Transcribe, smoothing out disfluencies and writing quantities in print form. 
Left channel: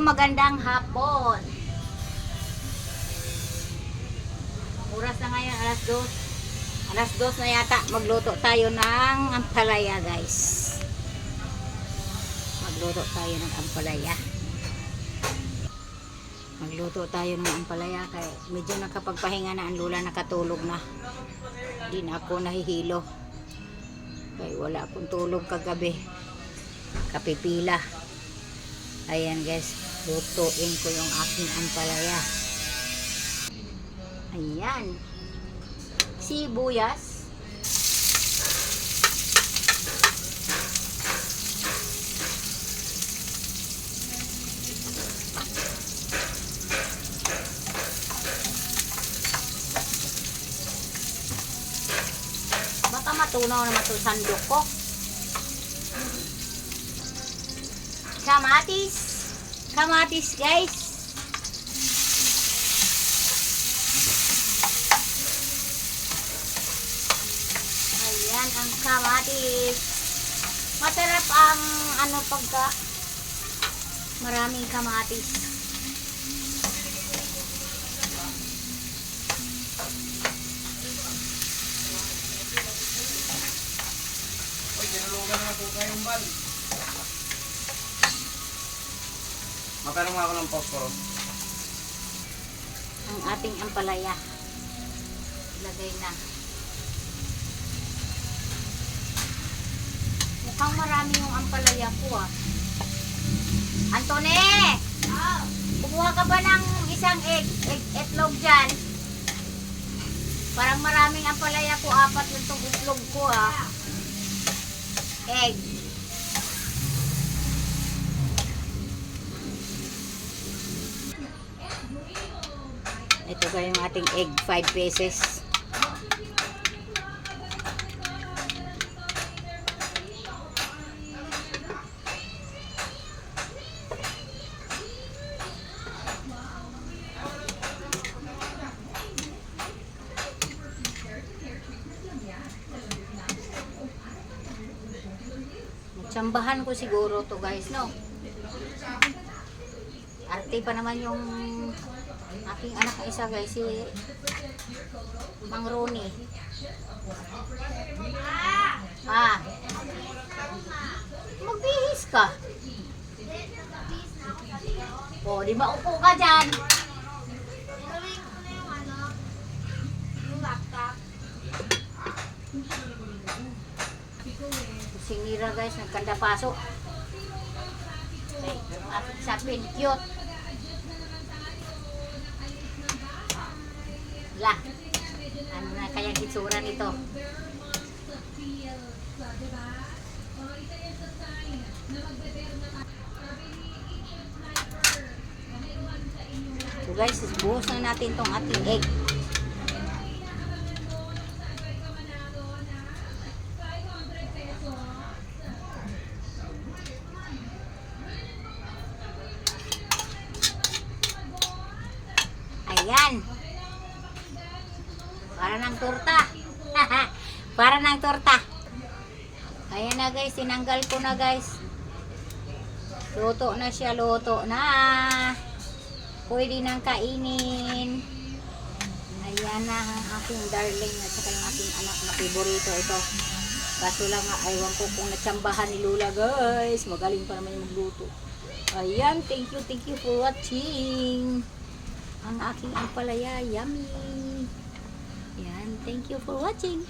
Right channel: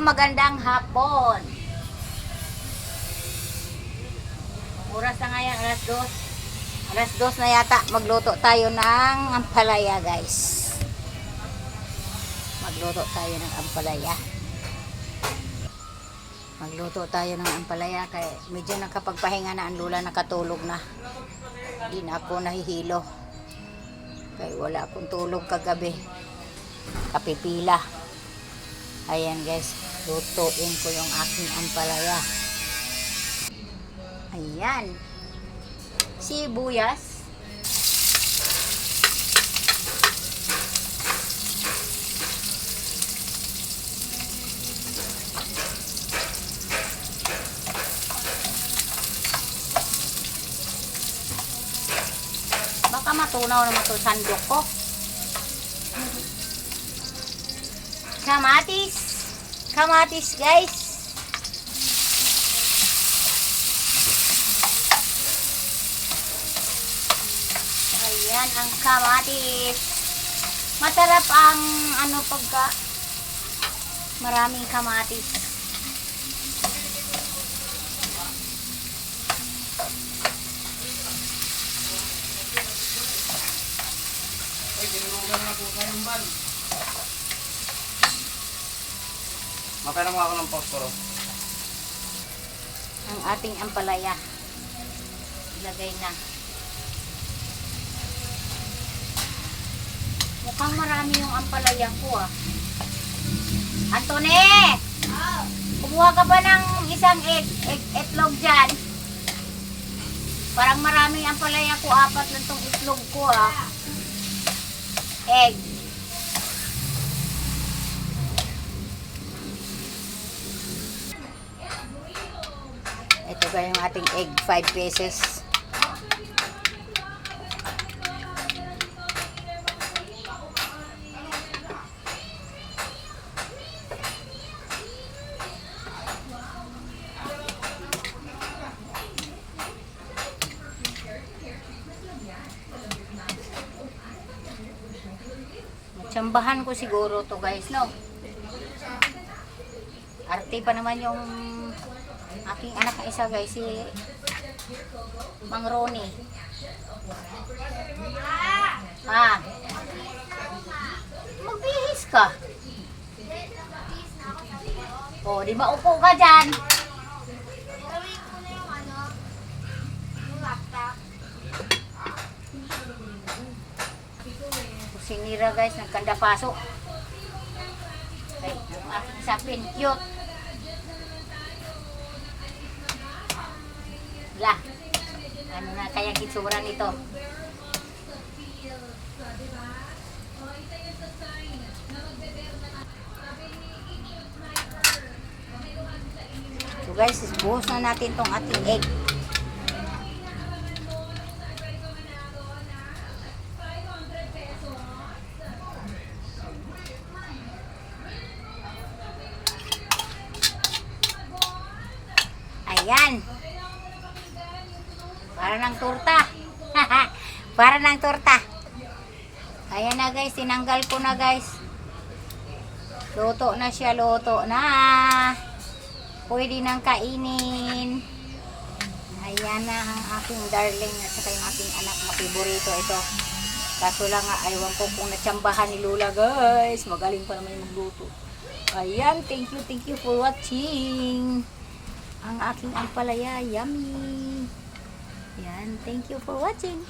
magandang hapon. Oras na ngayon, alas 2. Alas 2 na yata. Magluto tayo ng ampalaya, guys. Magluto tayo ng ampalaya. Magluto tayo ng ampalaya. Kaya medyo nakapagpahinga na ang lula, nakatulog na. Hindi na ako nahihilo. Kaya wala akong tulog kagabi. Kapipila. Ayan guys, lutuin ko yung aking ampalaya. Ayan. Sibuyas. Baka matunaw naman ito sandok ko. Kamatis. Kamatis guys. Ayan ang kamatis. Masarap ang pagka maraming kamatis. Ay, dinulugan na po kayong ban. Mapainom ako ng posporo. Ang ating ampalaya. Ilagay na. Mukhang marami yung ampalaya ko ah. Antone! Kumuha ka ba ng isang itlog dyan? Parang maraming ampalaya ko. 4 lang tong itlog ko ah. Egg. Ito ba yung ating egg, 5 pesos. Tsambahan ko siguro to guys, no? Arte pa naman yung aking anak na isa guys, si Mang Ronnie. Magbihis ka. O, di maupo ka dyan. Sinira guys, nagkanda paso. Yung aking sapin, cute. La, ano na kaya gitsura nito? So guys, buhos na natin tong ating egg. Ayan. Para ng torta. Para ng torta. Ayan na guys, tinanggal ko na guys. Luto na siya, luto na. Pwede nang kainin. Ayan na ang aking darling at saka yung aking anak na favorito ito. Kaso lang nga, aywan ko kung natsambahan ni Lola guys. Magaling pa naman yung magluto. Ayan, thank you for watching. Ang aking ampalaya, yummy. Yan, thank you for watching.